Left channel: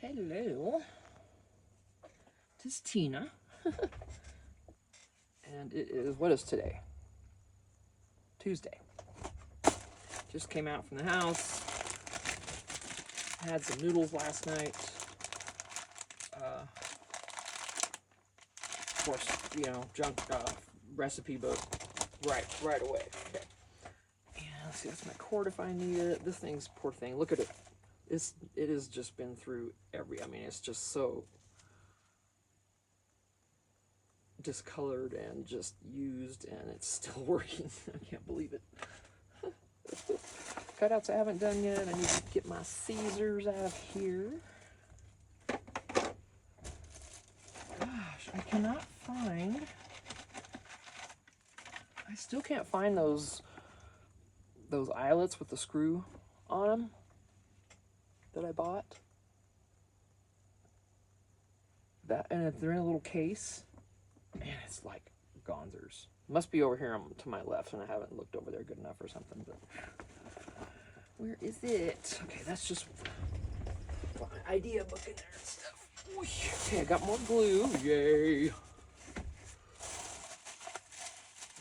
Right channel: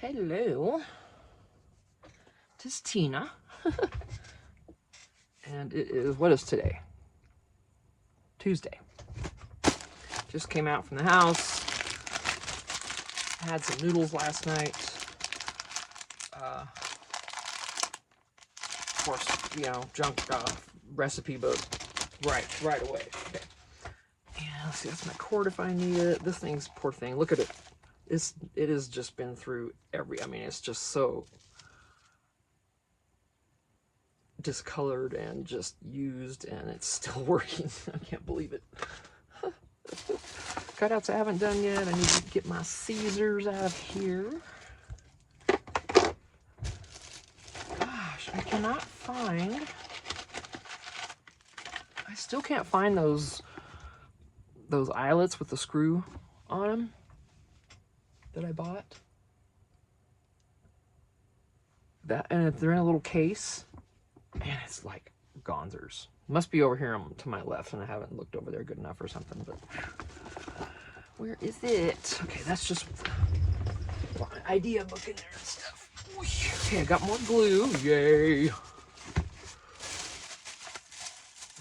Hello, this is Tina, and it is, what is today? Tuesday. Just came out from the house, had some noodles last night. Of course, you know, junk recipe, but right away. Okay. And let's see, that's my cord if I need it. This thing's, poor thing, look at it. It has just been through I mean, it's just so discolored and just used, and it's still working. I can't believe it. Cutouts I haven't done yet. I need to get my Caesars out of here. Gosh, I cannot find... I still can't find those eyelets with the screw on them that I bought. And if they're in a little case, and it's like gonzers. Must be over here to my left, and I haven't looked over there good enough or something, but where is it? Okay, that's just my idea book in there and stuff. Okay, I got more glue. Yay.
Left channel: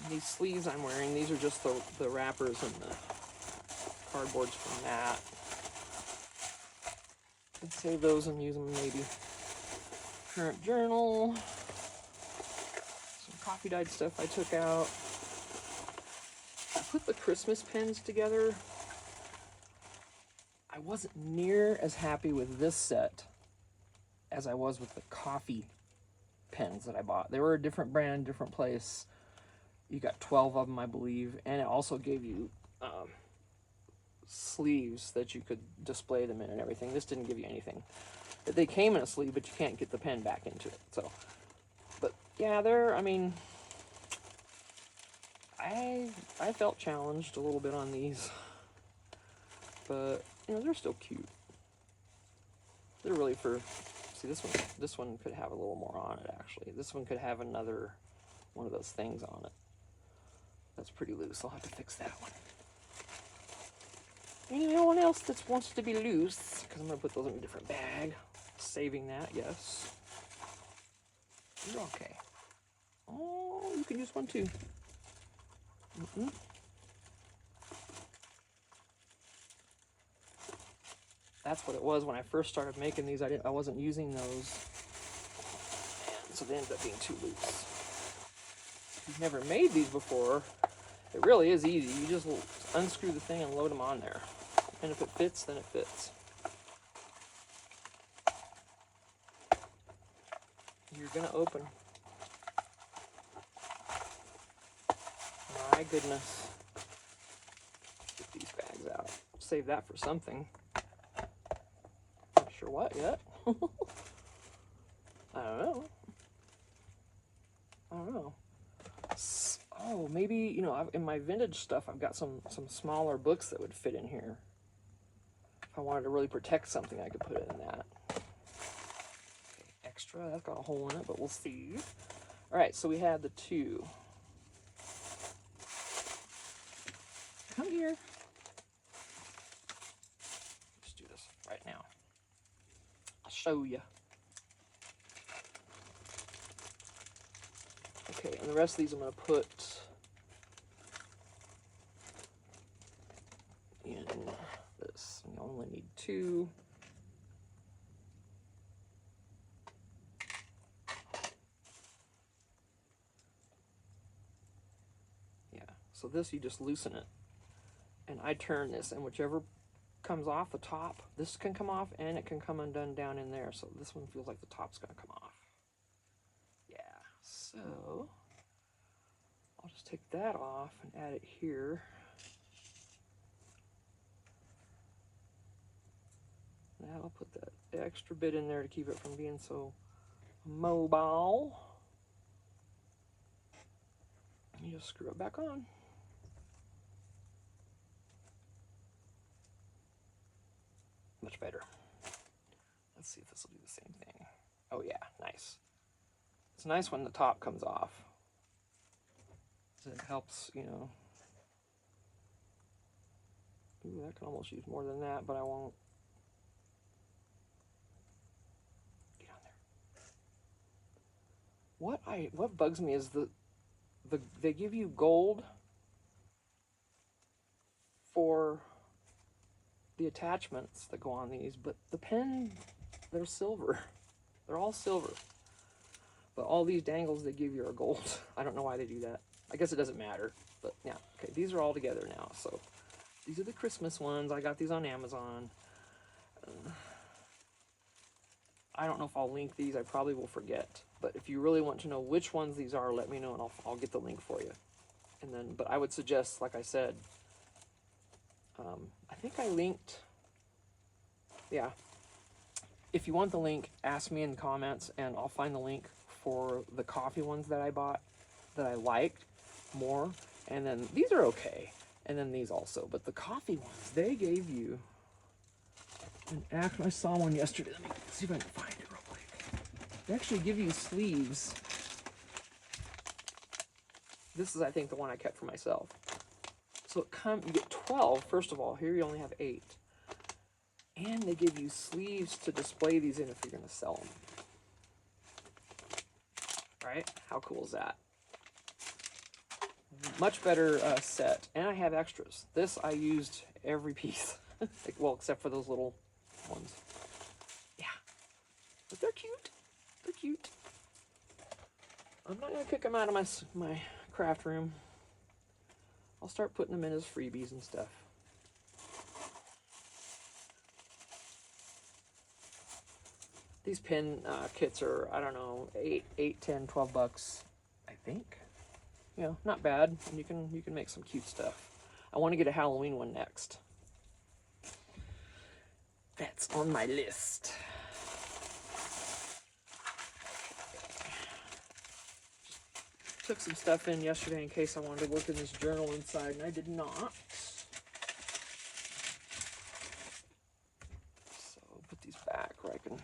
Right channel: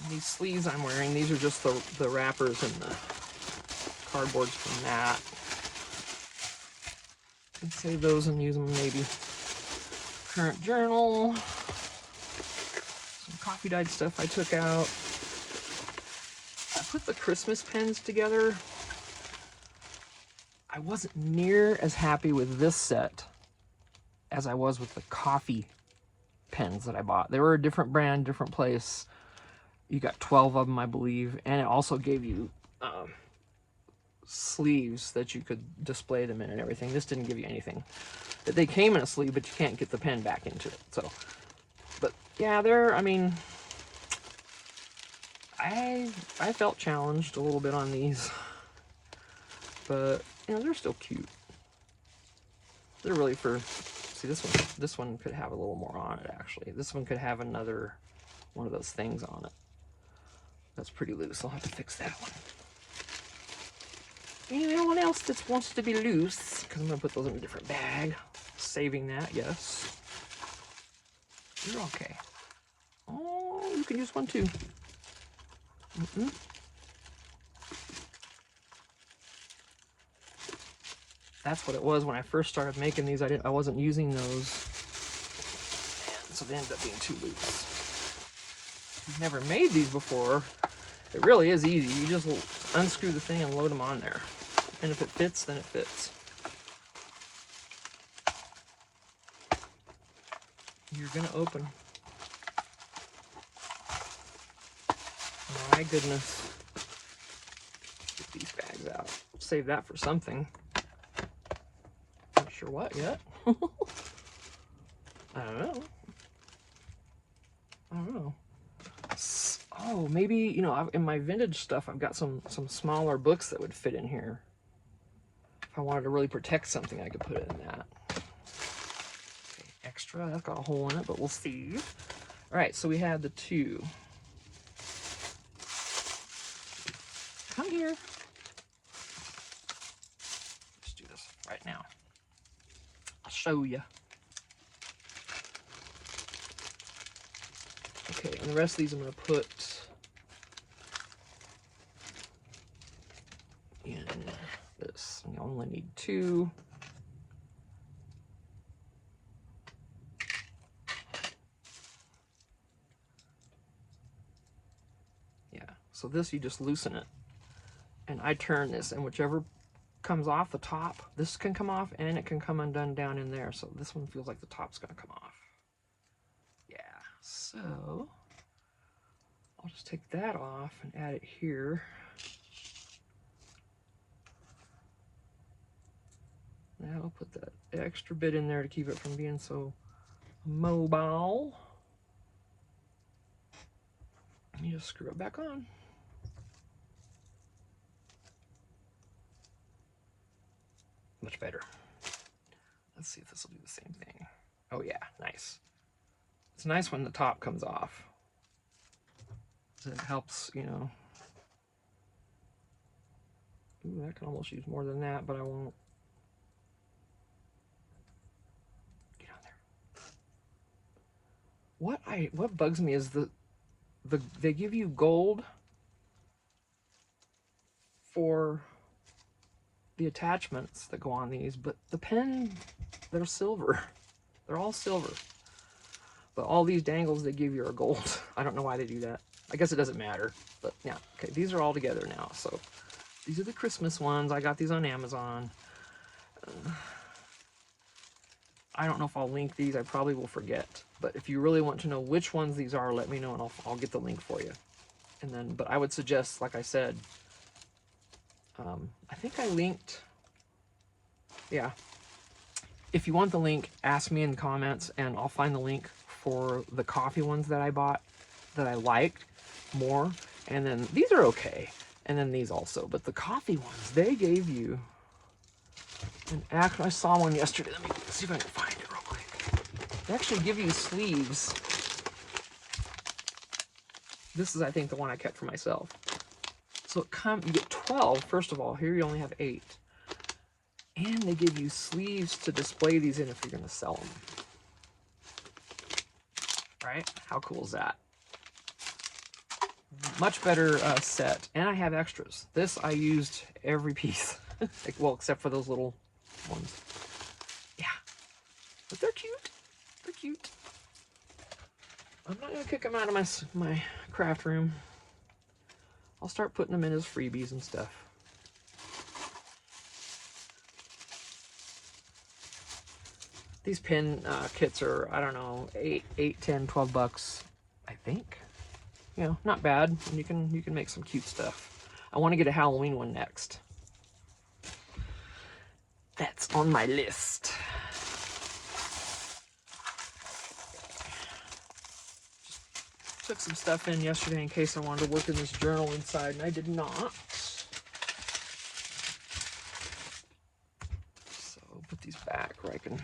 These sleeves I'm wearing, these are just the wrappers and the cardboards from that. I'll save those and use them maybe. Current journal. Some coffee dyed stuff I took out. I put the Christmas pens together. I wasn't near as happy with this set as I was with the coffee pens that I bought. They were a different brand, different place. You got 12 of them, I believe, and it also gave you sleeves that you could display them in and everything. This didn't give you anything. They came in a sleeve, but you can't get the pen back into it. So, but yeah, I mean, I felt challenged a little bit on these, but you know, they're still cute. They're really for, see, this one could have a little more on it, actually. This one could have another one of those things on it. That's pretty loose. I'll have to fix that one. Anyone else that wants to be loose, because I'm going to put those in a different bag. Saving that, yes. You're okay. Oh, you can use one too. That's what it was when I first started making these. I wasn't using those, and so they ended up being too loose. If you've never made these before, it really is easy. You just unscrew the thing and load them on there, and if it fits, then it fits. You're gonna open. My goodness. Get these bags out. Save that for something. Not sure what yet. I don't know. Oh, maybe, you know, in my vintage stuff, I've got some smaller books that would fit in here. If I wanted to really protect something, I could put it in that. Okay, extra, that's got a hole in it, but we'll see. All right, so we had the two. Come here. Let's do this right now. I'll show you. Okay, and the rest of these I'm going to put in this. You only need two. Yeah, so this you just loosen it. And I turn this, and whichever comes off the top, this can come off and it can come undone down in there. So this one feels like the top's going to come off. Yeah, so I'll just take that off and add it here. Now I'll put that extra bit in there to keep it from being so mobile. And you just screw it back on. Much better. Let's see if this will do the same thing. Oh yeah, nice. It's nice when the top comes off. It helps, you know. Ooh, I can almost use more than that, but I won't. what bugs me is they give you gold for the attachments that go on these, but the pen, they're silver. They're all silver. But all these dangles they give you are gold. I don't know why they do that. I guess it doesn't matter. But yeah, okay, these are all together now. So these are the Christmas ones. I got these on Amazon. I don't know if I'll link these. I probably will forget. But if you really want to know which ones these are, let me know and I'll get the link for you. And then, but I would suggest, like I said, I think I linked, yeah. If you want the link, ask me in the comments and I'll find the link for the coffee ones that I bought that I liked more. And then these are okay. And then these also. But the coffee ones, they gave you, and actually I saw one yesterday. Let me see if I can find it real quick. They actually give you sleeves. This is, I think, the one I kept for myself. So you get 12, first of all. Here you only have 8. And they give you sleeves to display these in if you're going to sell them. Right? How cool is that? Much better set. And I have extras. This I used every piece. Well, except for those little ones. Yeah. But they're cute. They're cute. I'm not going to kick them out of my craft room. I'll start putting them in as freebies and stuff. These pin kits are, I don't know, 8, 10, 12 bucks, I think. You know, not bad. And you can make some cute stuff. I want to get a Halloween one next. That's on my list. Took some stuff in yesterday in case I wanted to work in this journal inside, and I did not. So put these back where I can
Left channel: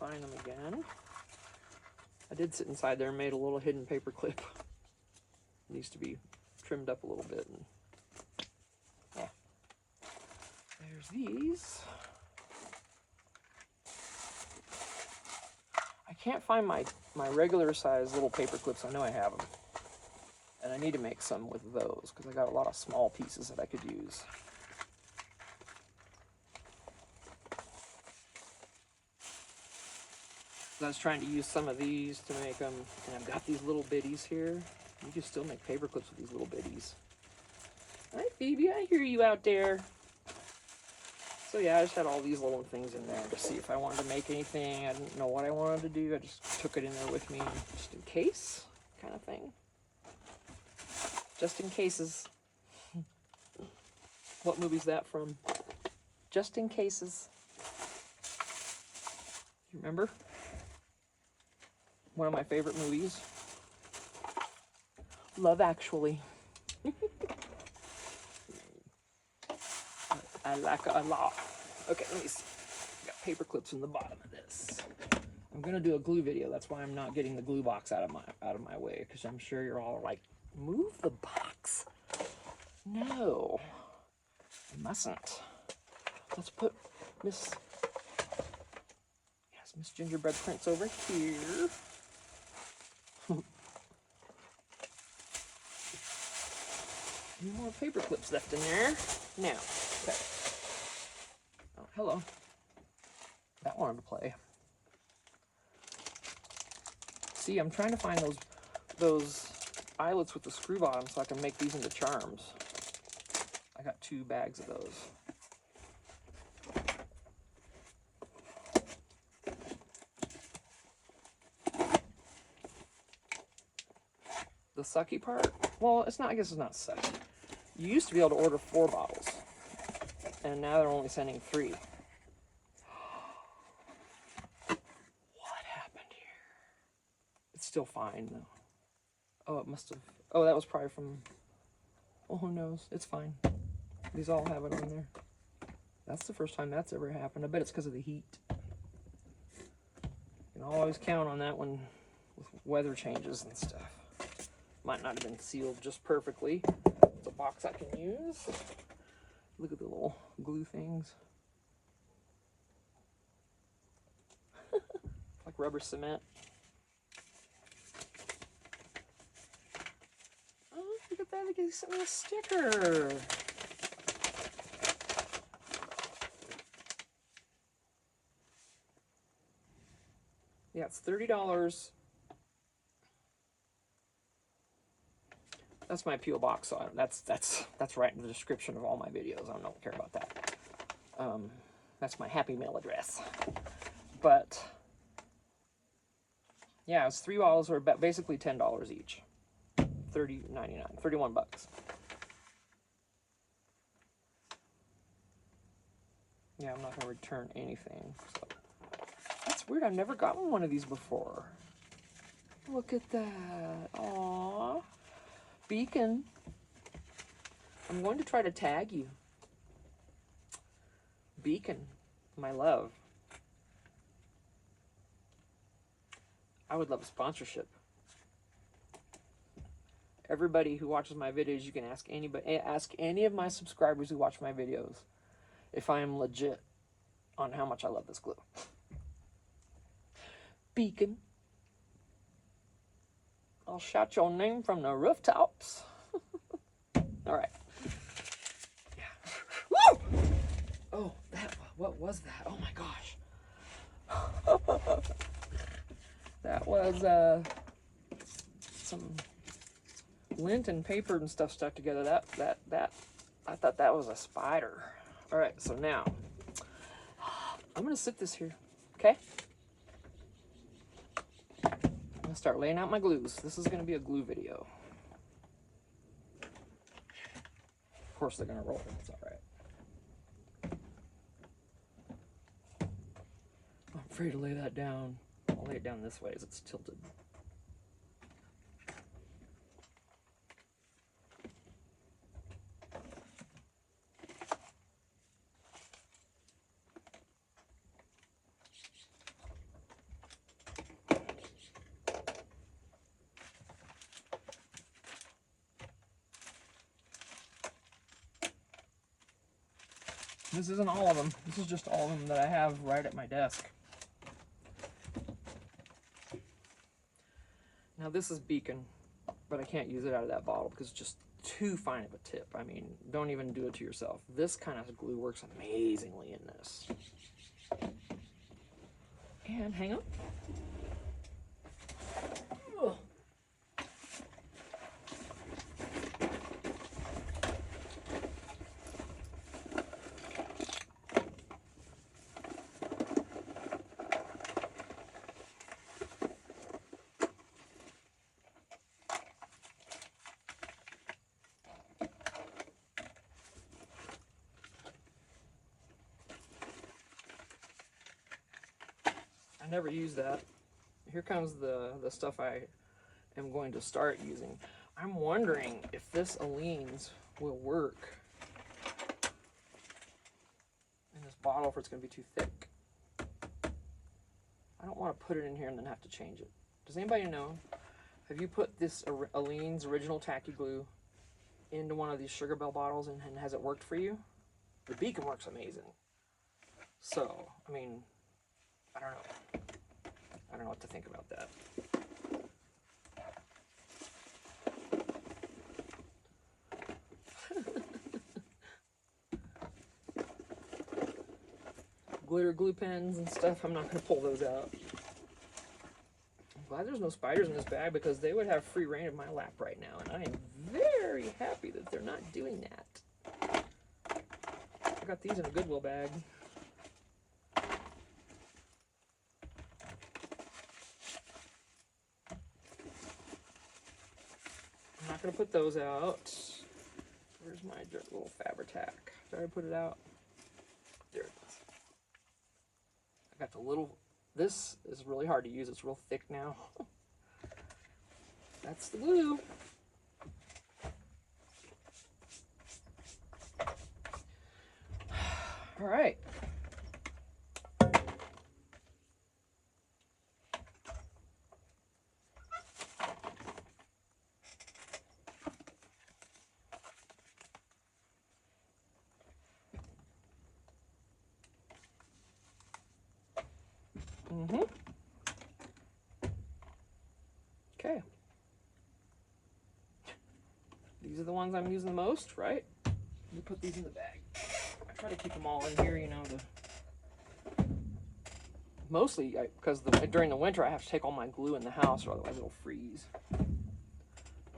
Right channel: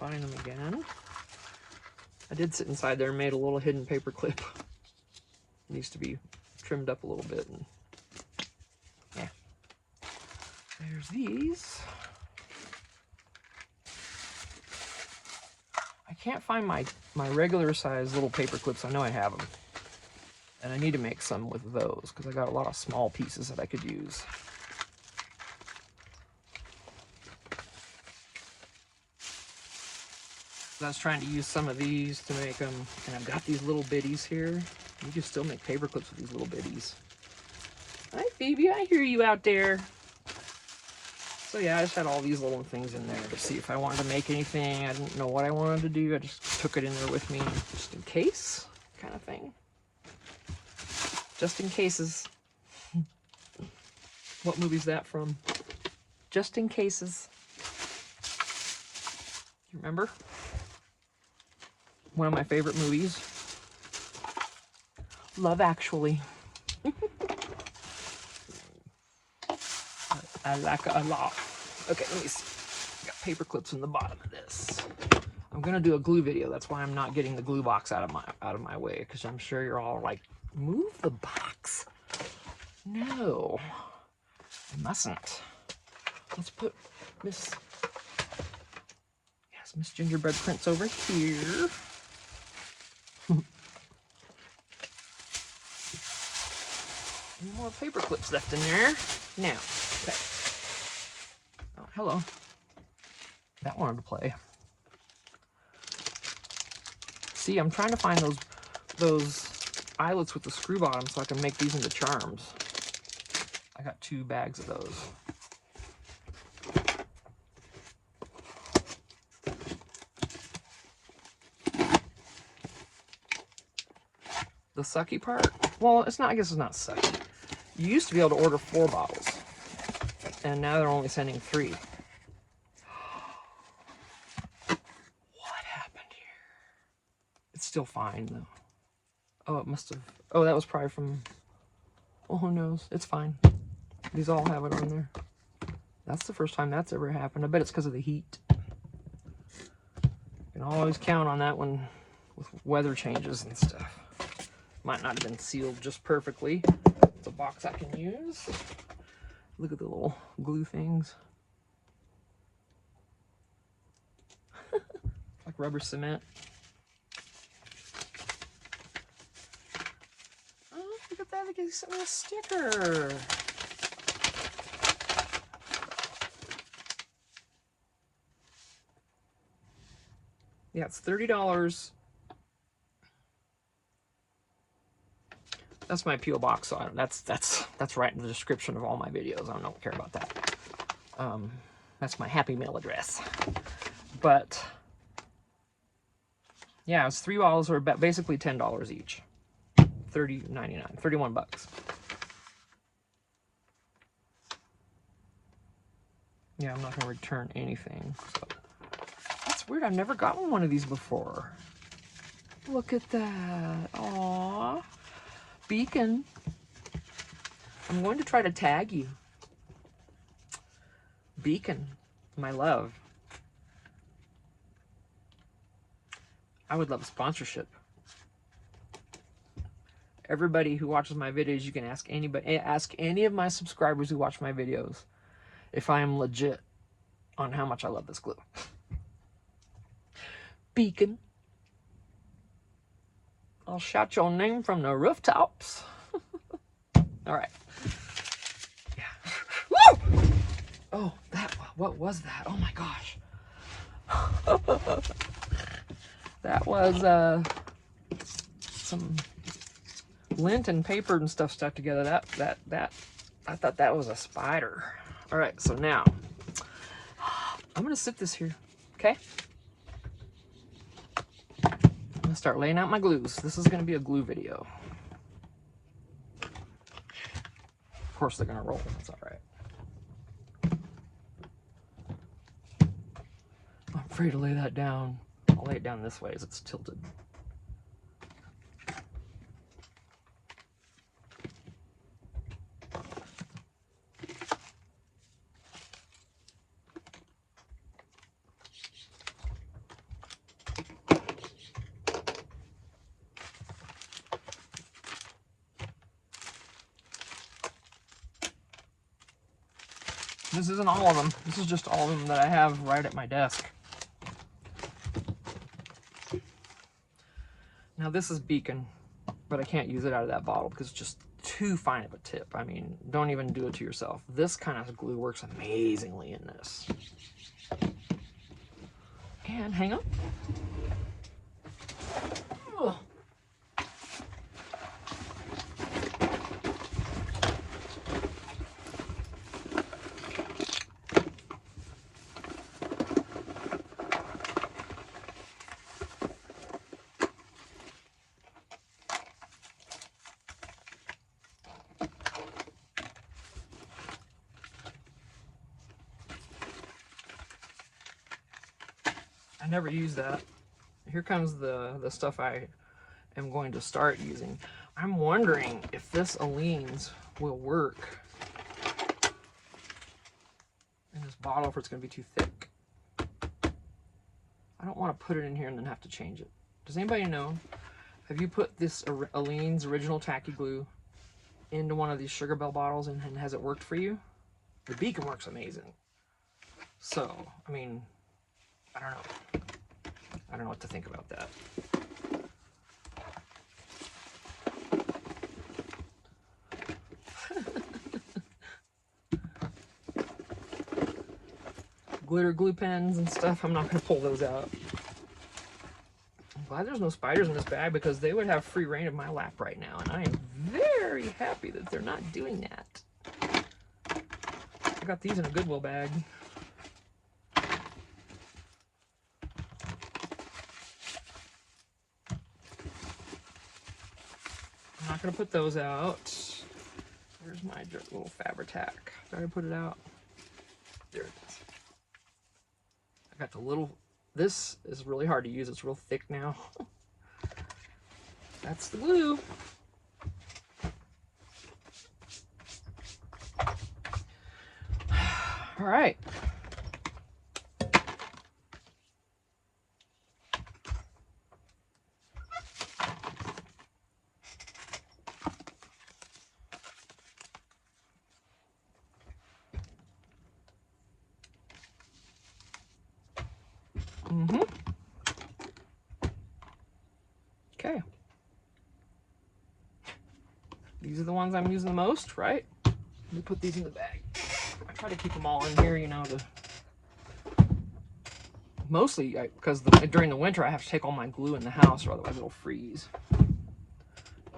find them again. I did sit inside there and made a little hidden paper clip. It needs to be trimmed up a little bit. And yeah. There's these. I can't find my regular size little paper clips. I know I have them. And I need to make some with those because I got a lot of small pieces that I could use. I was trying to use some of these to make them, and I've got these little bitties here. You can still make paper clips with these little bitties. Hi, Phoebe, I hear you out there. So yeah, I just had all these little things in there to see if I wanted to make anything. I didn't know what I wanted to do. I just took it in there with me, just in case, kind of thing. Just in cases. What movie's that from? Just in cases. You remember? One of my favorite movies. Love Actually. I like it a lot. Okay, let me see. Got paper clips in the bottom of this. I'm gonna do a glue video. That's why I'm not getting the glue box out of my way, because I'm sure you're all like, move the box. No, I mustn't. Let's put Miss Gingerbread Prince over here. More paper clips left in there. Now, okay. Oh, hello. That wanted to play. See, I'm trying to find those eyelets with the screw bottom so I can make these into charms. I got 2 bags of those. The sucky part? Well, it's not, I guess it's not sucky. You used to be able to order 4 bottles, and now they're only sending 3. What happened here? It's still fine, though. Oh, it must have, oh, that was probably from, well, who knows? It's fine. These all have it on there. That's the first time that's ever happened. I bet it's because of the heat. You can always count on that one with weather changes and stuff. Might not have been sealed just perfectly. It's a box I can use. Look at the little glue things. Like rubber cement. they sent me a sticker. Yeah, it's $30. That's my P.O. box, so that's right in the description of all my videos. I don't care about that. That's my happy mail address. But yeah, it's 3 bottles or basically $10 each. $30.99, 31 bucks. Yeah, I'm not gonna return anything. So that's weird. I've never gotten one of these before. Look at that. Aww. Beacon. I'm going to try to tag you. Beacon, my love. I would love a sponsorship. Everybody who watches my videos, you can ask anybody, ask any of my subscribers who watch my videos if I am legit on how much I love this glue. Beacon. I'll shout your name from the rooftops. All right. Yeah. Woo! Oh, what was that? Oh my gosh. That was some lint and paper and stuff stuck together. That I thought that was a spider. All right, so now I'm gonna sit this here, okay? I'm gonna start laying out my glues. This is gonna be a glue video. Of course they're gonna roll, that's all right. I'm afraid to lay that down. I'll lay it down this way as it's tilted. This isn't all of them. This is just all of them that I have right at my desk. Now this is Beacon, but I can't use it out of that bottle because it's just too fine of a tip. I mean, don't even do it to yourself. This kind of glue works amazingly in this. And hang on. Ugh. I never use that. Here comes the stuff I am going to start using. I'm wondering if this Aleene's will work in this bottle, if it's going to be too thick. I don't want to put it in here and then have to change it. Does anybody know? Have you put this Aleene's original tacky glue into one of these Sugar Bell bottles and has it worked for you? The Beacon works amazing. So, I mean, I don't know. I don't know what to think about that. Glitter glue pens and stuff, I'm not going to pull those out. I'm glad there's no spiders in this bag because they would have free reign of my lap right now, and I am very happy that they're not doing that. I got these in a Goodwill bag. I'm not going to put those out. Where's my little Fabri-Tac? Did I put it out? There it is. I got the little, this is really hard to use. It's real thick now. That's the glue. All right. the ones I'm using the most, right? Let me put these in the bag. I try to keep them all in here, you know, mostly because during the winter I have to take all my glue in the house or otherwise it'll freeze.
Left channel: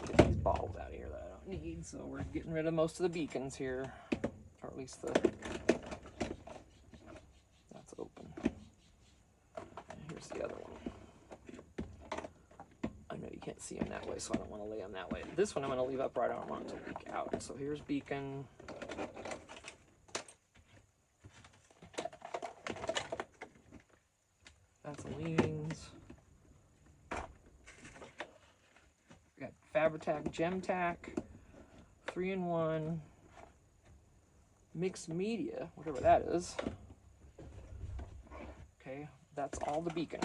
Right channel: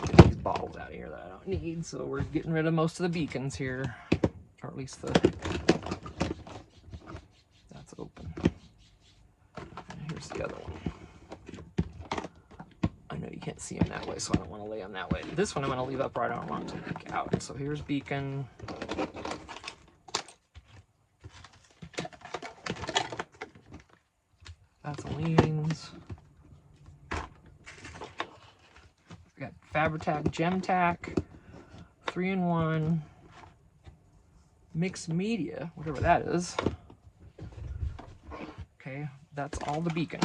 Get these bottles out of here that I don't need, so we're getting rid of most of the beacons here, or at least that's open. And here's the other one. I know you can't see them that way, so I don't want to lay them that way. This one I'm going to leave upright. I don't want it to leak out. So here's beacon. That's Aleene's. We got Fabri-Tac, Gem-Tac, 3-in-1, mixed media, whatever that is. Okay, that's all the beacon.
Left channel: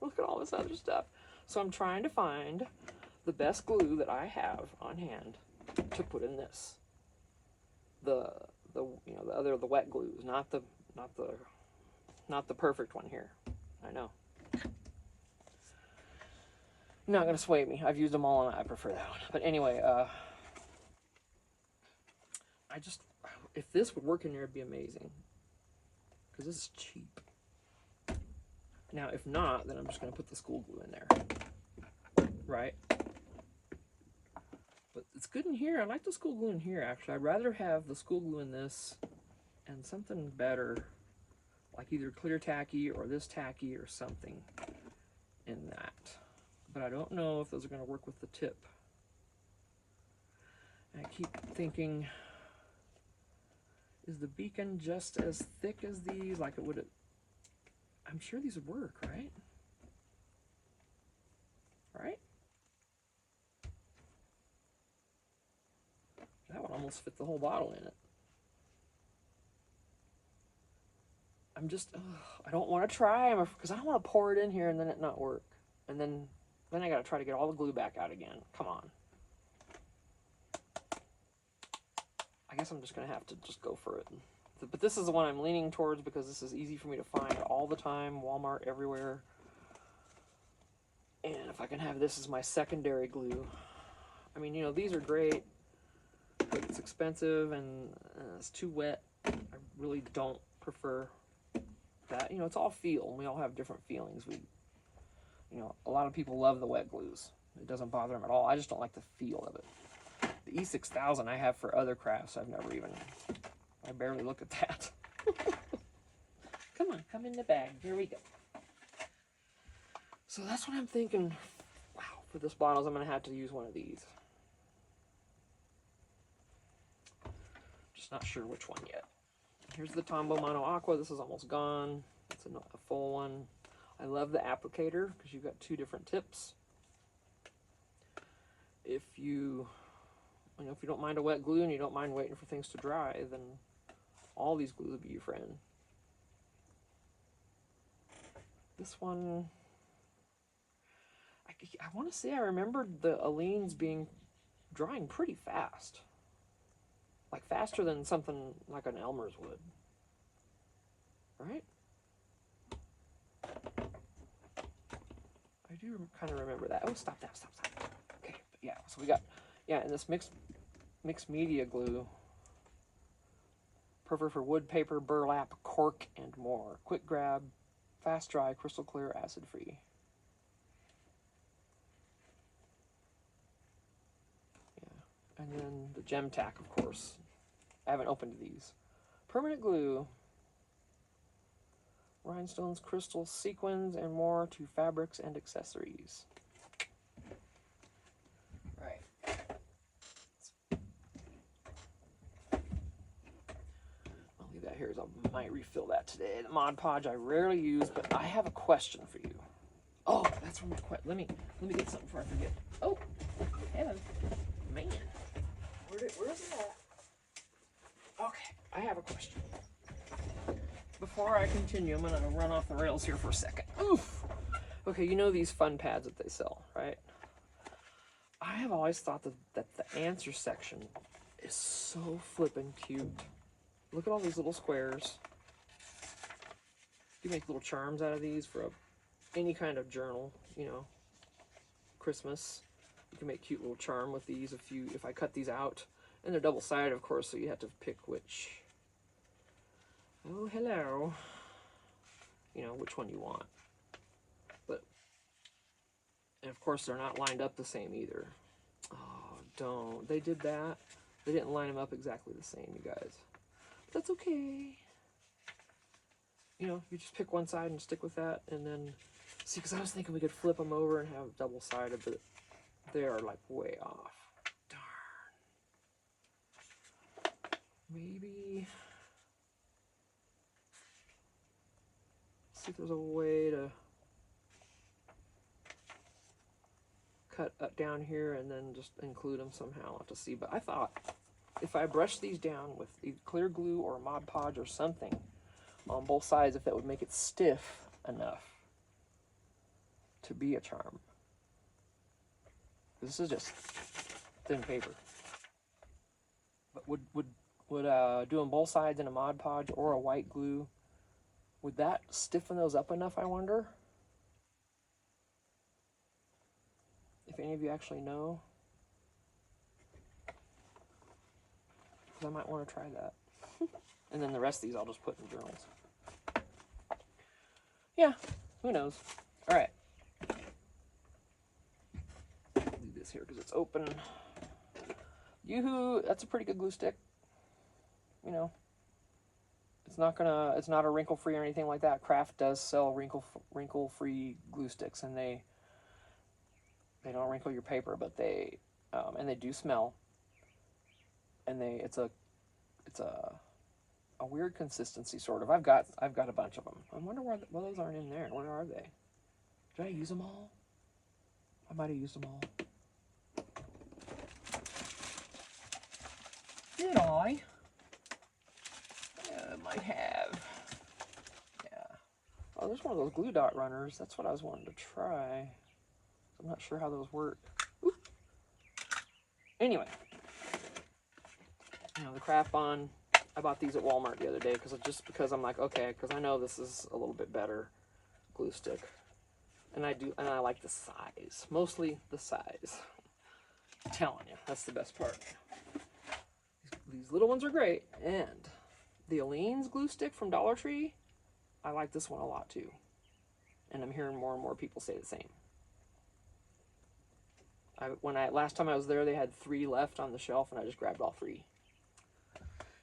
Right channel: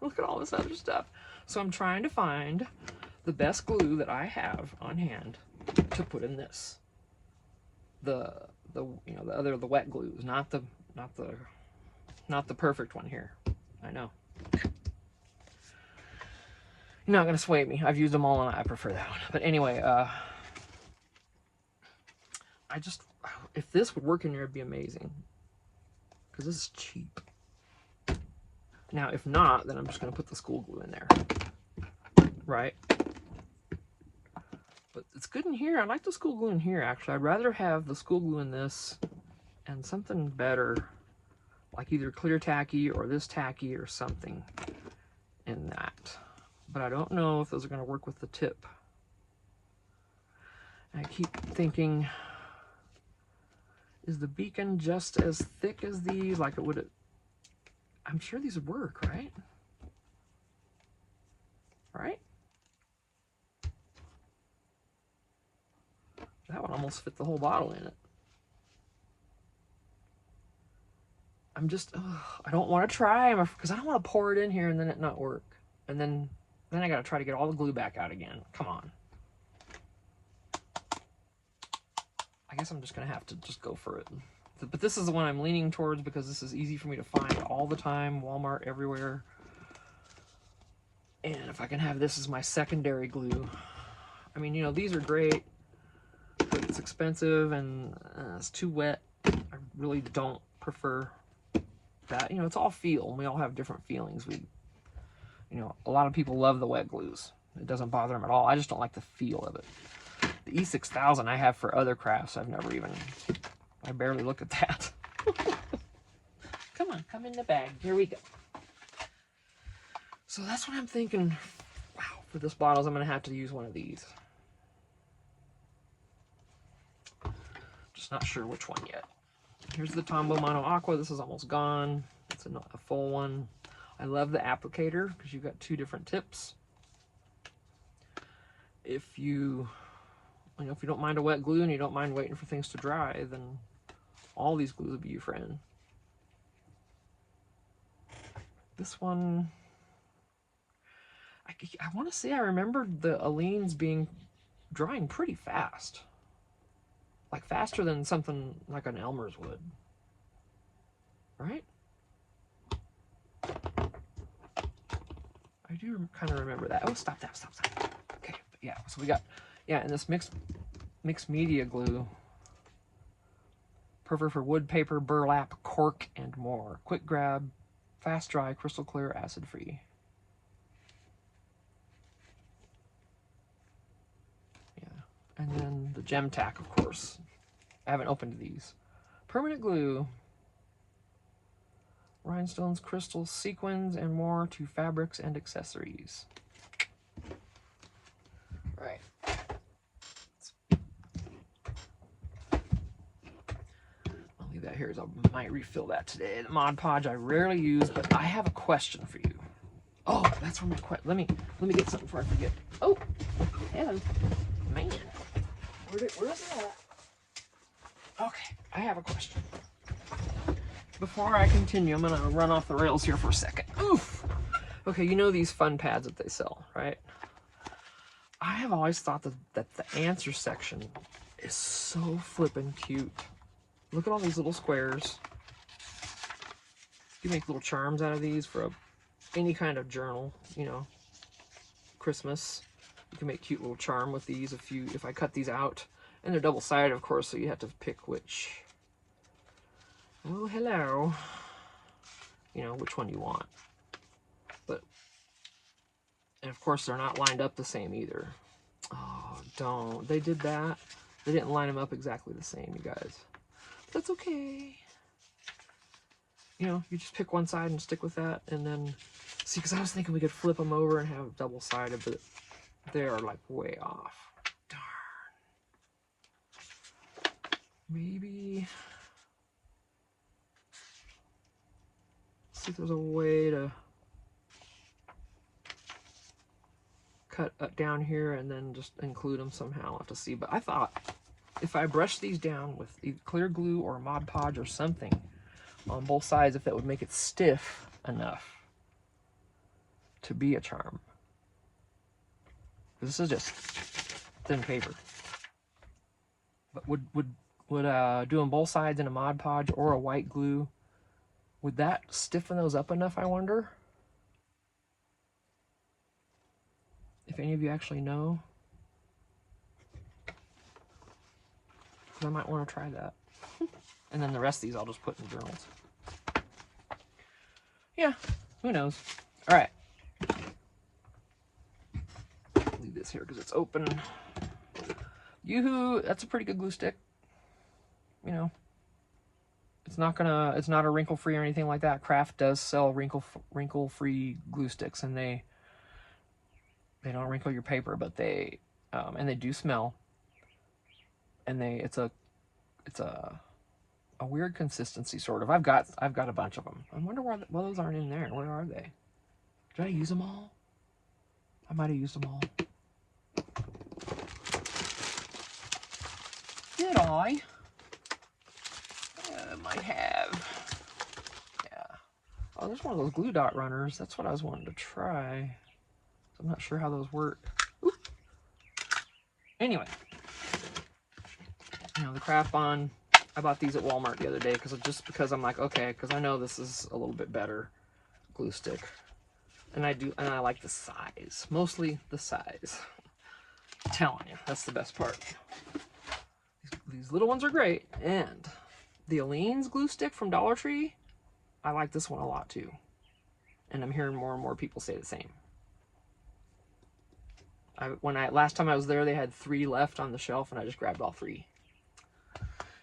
Look at all this other stuff. So I'm trying to find the best glue that I have on hand to put in this. The wet glues, not the perfect one here. I know. You're not gonna sway me. I've used them all and I prefer that one. But anyway, if this would work in here, it'd be amazing. Because this is cheap. Now, if not, then I'm just going to put the school glue in there. Right? But it's good in here. I like the school glue in here, actually. I'd rather have the school glue in this and something better, like either clear tacky or this tacky or something in that. But I don't know if those are going to work with the tip. And I keep thinking, is the beacon just as thick as these? Like it would... I'm sure these would work, right? Right? That would almost fit the whole bottle in it. I'm just, I don't want to try because I don't want to pour it in here and then it not work. And then I got to try to get all the glue back out again. Come on. I guess I'm just going to have to just go for it. But this is the one I'm leaning towards because this is easy for me to find all the time. Walmart, everywhere. And if I can have this as my secondary glue. I mean, you know, these are great, but it's expensive and it's too wet. I really don't prefer that. You know, it's all feel, and we all have different feelings. You know, a lot of people love the wet glues. It doesn't bother them at all. I just don't like the feel of it. The E6000 I have for other crafts. I barely look at that. Come on, come in the bag. Here we go. So that's what I'm thinking. Wow, for this bottles, I'm going to have to use one of these. Just not sure which one yet. Here's the Tombow Mono Aqua. This is almost gone. It's a full one. I love the applicator because you've got two different tips. If you don't mind a wet glue and you don't mind waiting for things to dry, then all these glues will be your friend. This one, I want to say I remembered the Aleene's drying pretty fast. Like faster than something like an Elmer's would. Right? I do kind of remember that. Oh, stop. Okay, but yeah, so we got, and this mixed media glue. Perfect for wood, paper, burlap, cork, and more. Quick grab, fast dry, crystal clear, acid free. Yeah, and then the Gem-Tac, of course. I haven't opened these. Permanent glue. Rhinestones, crystals, sequins, and more to fabrics and accessories. Right. I'll leave that here as I might refill that today. The Mod Podge I rarely use, but I have a question for you. Oh, that's where my question. Let me get something before I forget. Oh, hello, man. Where's it at? Okay, I have a question. Before I continue, I'm gonna run off the rails here for a second. Oof. Okay, you know these fun pads that they sell, right? I have always thought that the answer section is so flippin' cute. Look at all these little squares. You can make little charms out of these for any kind of journal, you know, Christmas. You can make cute little charm with these if I cut these out. And they're double-sided, of course, so you have to pick which. Oh, hello. You know, which one you want. But, and of course, they're not lined up the same either. Oh, don't. They did that. They didn't line them up exactly the same, you guys. That's okay. You know, you just pick one side and stick with that, and then, see, because I was thinking we could flip them over and have double-sided, but they are, like, way off. Darn. Maybe, see if there's a way to cut up down here and then just include them somehow. I'll have to see, but I thought if I brush these down with either clear glue or Mod Podge or something on both sides, if that would make it stiff enough to be a charm. This is just thin paper. But would doing both sides in a Mod Podge or a white glue, would that stiffen those up enough, I wonder? If any of you actually know. Because I might want to try that. And then the rest of these I'll just put in journals. Yeah, who knows? All right. Leave this here because it's open. Yoo-hoo, that's a pretty good glue stick. You know, it's not a wrinkle-free or anything like that. Kraft does sell wrinkle-free glue sticks, and they don't wrinkle your paper, but they do smell. And it's a weird consistency, sort of. I've got a bunch of them. I wonder why those aren't in there. Where are they? Did I use them all? I might have used them all. Did I? Yeah, I might have. Yeah. Oh, there's one of those glue dot runners. That's what I was wanting to try. I'm not sure how those work. Oop. Anyway. You know, the Craft Bond, I bought these at Walmart the other day because I'm like, okay, because I know this is a little bit better glue stick. And I like the size. Mostly the size. I'm telling you, that's the best part. These little ones are great. And the Aleene's glue stick from Dollar Tree, I like this one a lot too. And I'm hearing more and more people say the same. Last time I was there, they had 3 left on the shelf, and I just grabbed all 3.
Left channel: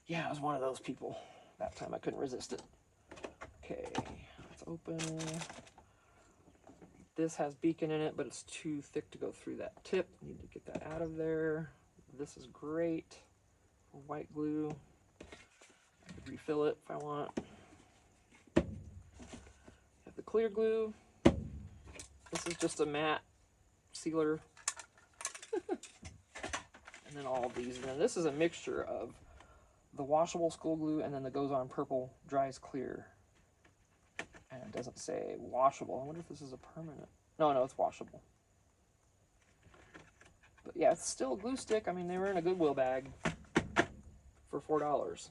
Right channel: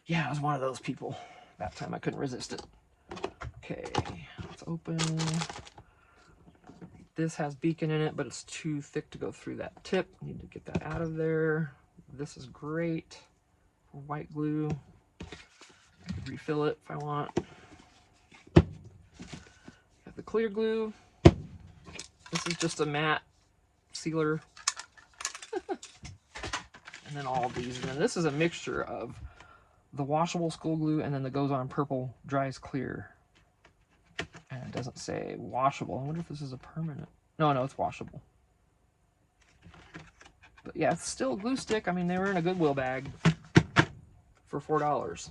Yeah, I was one of those people. That time I couldn't resist it. Okay, let's open. This has beacon in it, but it's too thick to go through that tip. Need to get that out of there. This is great for white glue. I could refill it if I want. Got the clear glue. This is just a matte sealer. And then all of these. And then this is a mixture of the washable school glue and then the goes on purple dries clear. And it doesn't say washable. I wonder if this is a permanent. No, it's washable. But yeah, it's still a glue stick. I mean, they were in a Goodwill bag for $4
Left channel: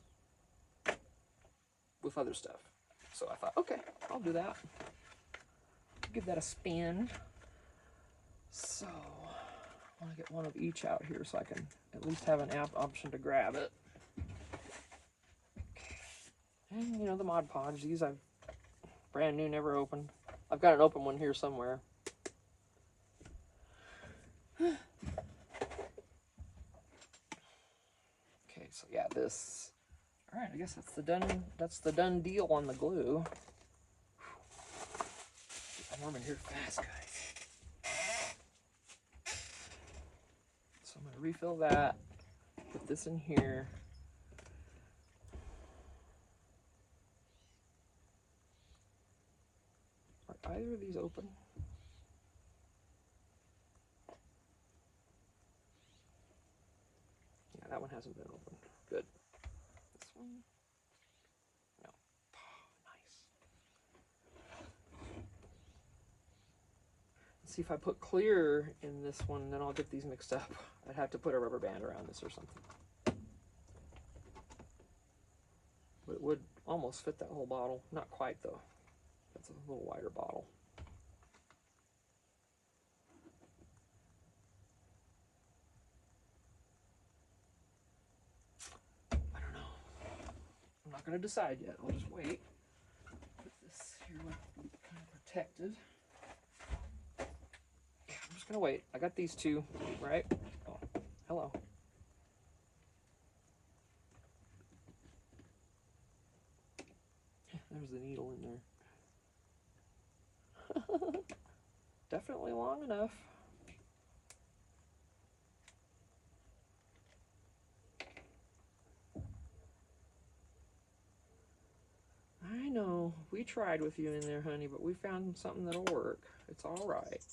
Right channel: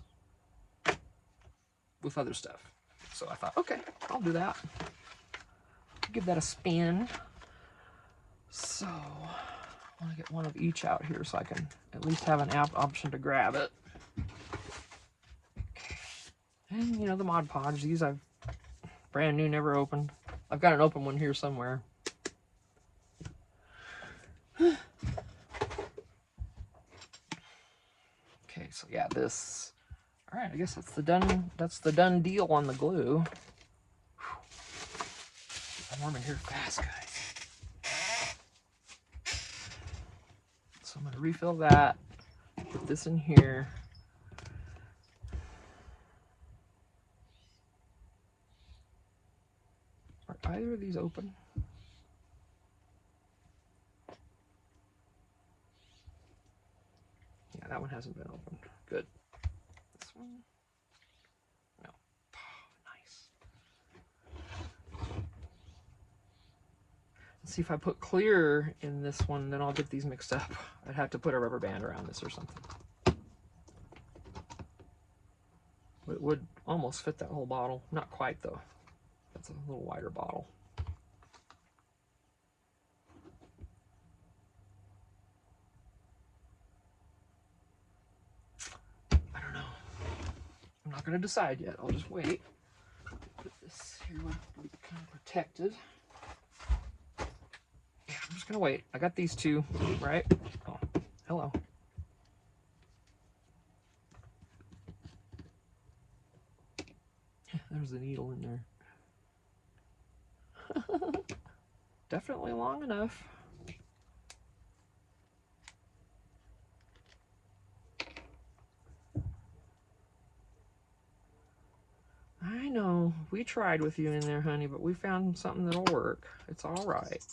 with other stuff. So I thought, okay, I'll do that. Give that a spin. So I want to get one of each out here so I can at least have an option to grab it. Okay. And you know, the Mod Podge, these I've brand new, never opened. I've got an open one here somewhere. Okay, so yeah, this. All right, I guess that's the done deal on the glue. I'm warming here fast, guys. So I'm going to refill that, put this in here. Are either of these open? Yeah, that one hasn't been opened. Good. This one? No. Oh, nice. Let's see if I put clear in this one, then I'll get these mixed up. I'd have to put a rubber band around this or something. It would almost fit that whole bottle. Not quite, though. That's a little wider bottle. I don't know. I'm not going to decide yet. I'll just wait. Put this here kind of protected. Yeah, I'm just going to wait. I got these two, right? Oh, hello. There's the needle in there. Definitely long enough. I know. We tried with you in there, honey, but we found something that'll work. It's all right.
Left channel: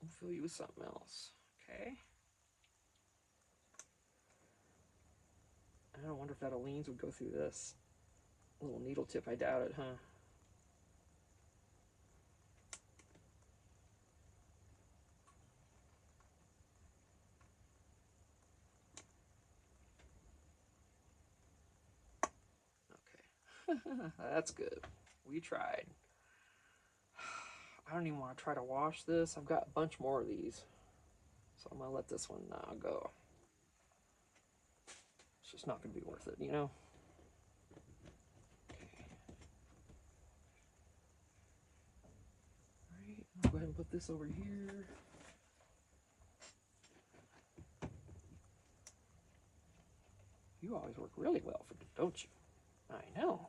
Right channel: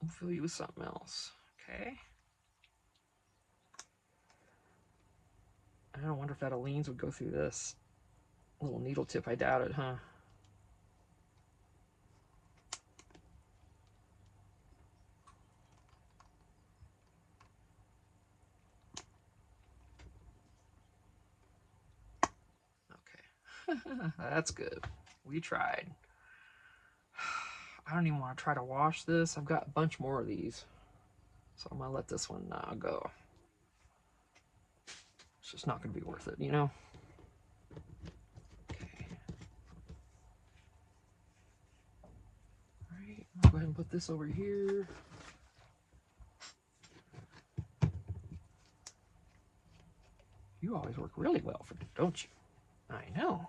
We'll fill you with something else, okay? I don't wonder if that Aleene's would go through this little needle tip. I doubt it, huh? Okay. That's good. We tried. I don't even want to try to wash this. I've got a bunch more of these. So I'm going to let this one go. It's just not going to be worth it, you know? Okay. All right. I'll go ahead and put this over here. You always work really well for me, don't you? I know.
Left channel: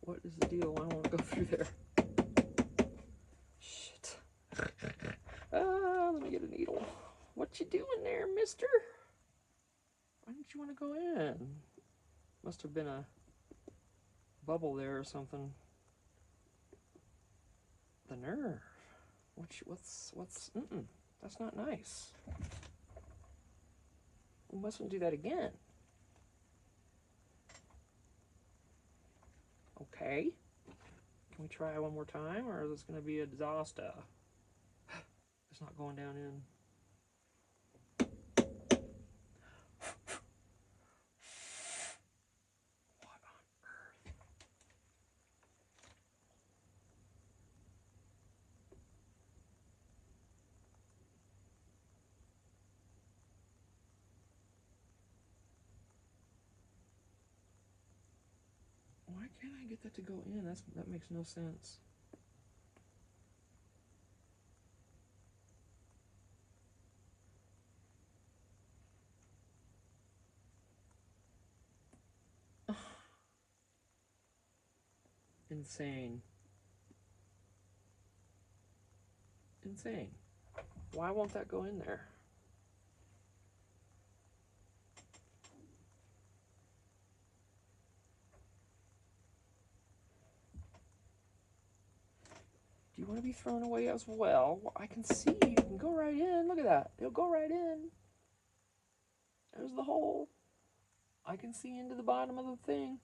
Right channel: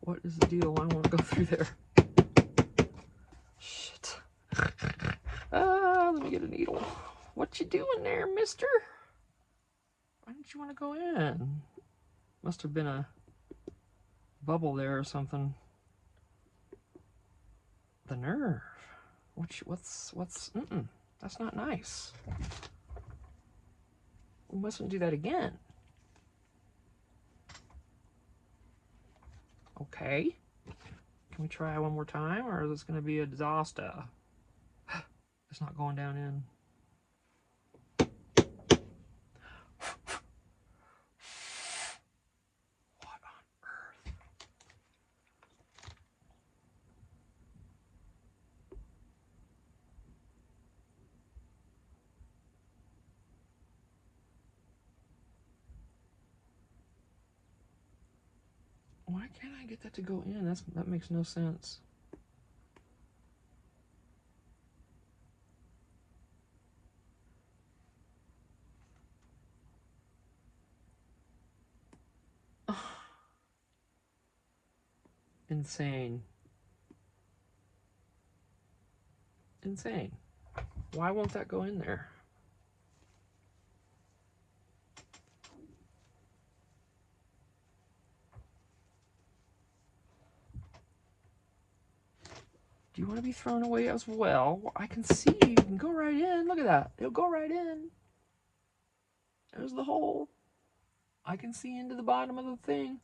What is the deal? I don't want to go through there. Shit. Let me get a needle. What you doing there, mister? Why didn't you want to go in? Must have been a bubble there or something. The nerve. What's, that's not nice. We mustn't do that again. Okay. Can we try one more time, or is this going to be a disaster? It's not going down in. What on earth? Why can't I get that to go in? That makes no sense. Insane. Insane. Why won't that go in there? Do you want to be thrown away as well? I can see you can go right in. Look at that. It'll go right in. There's the hole. I can see into the bottom of the thing.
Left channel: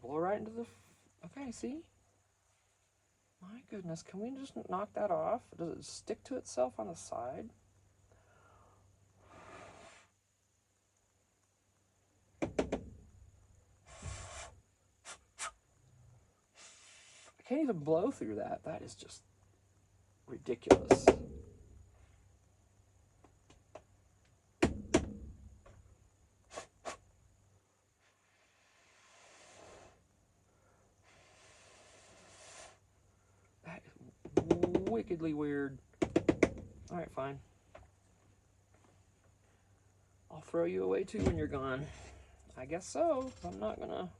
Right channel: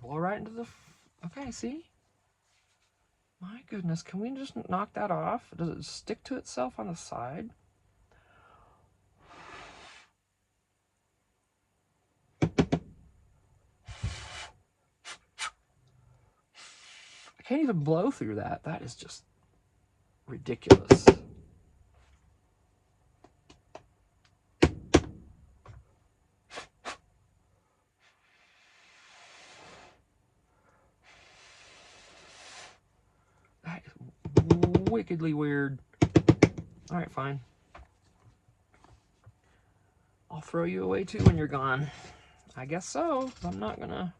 Blow right into the... Okay, see? My goodness, can we just knock that off? Does it stick to itself on the side? I can't even blow through that. That is just ridiculous. That is wickedly weird. All right, fine. I'll throw you away too when you're gone. I guess so. I'm not gonna...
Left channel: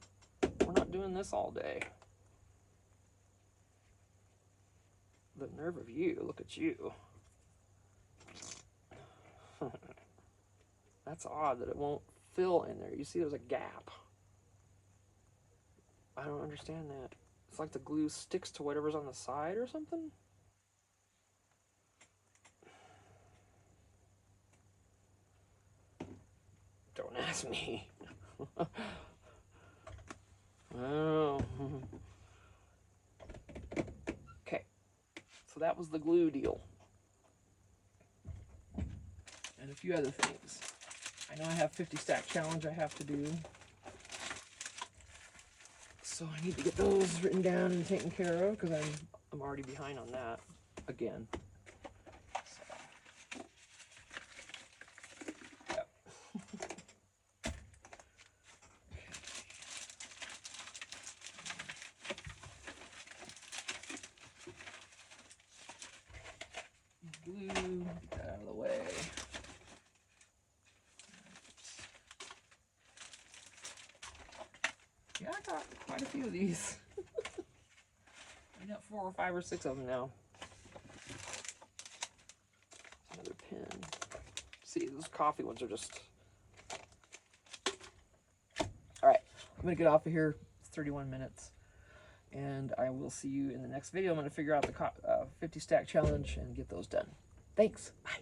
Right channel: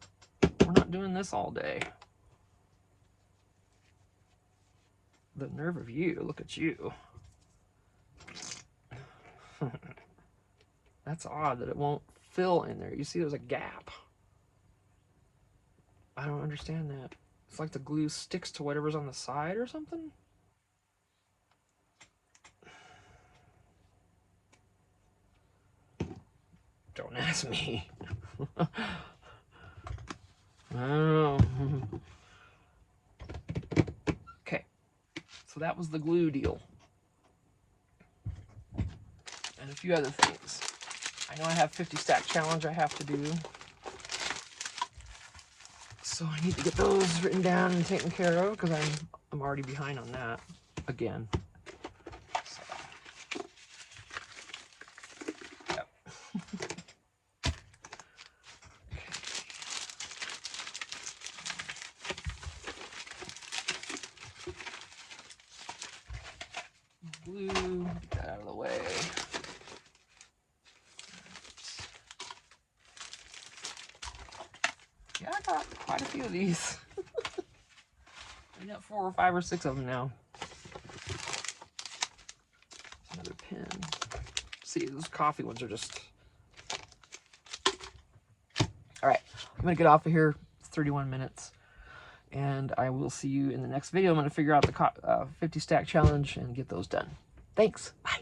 We're not doing this all day. The nerve of you. Look at you. That's odd that it won't fill in there. You see there's a gap. I don't understand that. It's like the glue sticks to whatever's on the side or something? Don't ask me. Oh. Okay, so that was the glue deal. And a few other things. I know I have 50 stack challenge I have to do. So I need to get those written down and taken care of because I'm already behind on that again. So, yep. Glue, get that out of the way. Yeah, I got quite a few of these. I got 4 or 5 or 6 of them now. Another pen. See, those coffee ones are just... Alright, I'm going to get off of here. It's 31 minutes. And I will see you in the next video. I'm going to figure out the 50 stack challenge and get those done. Thanks. Bye.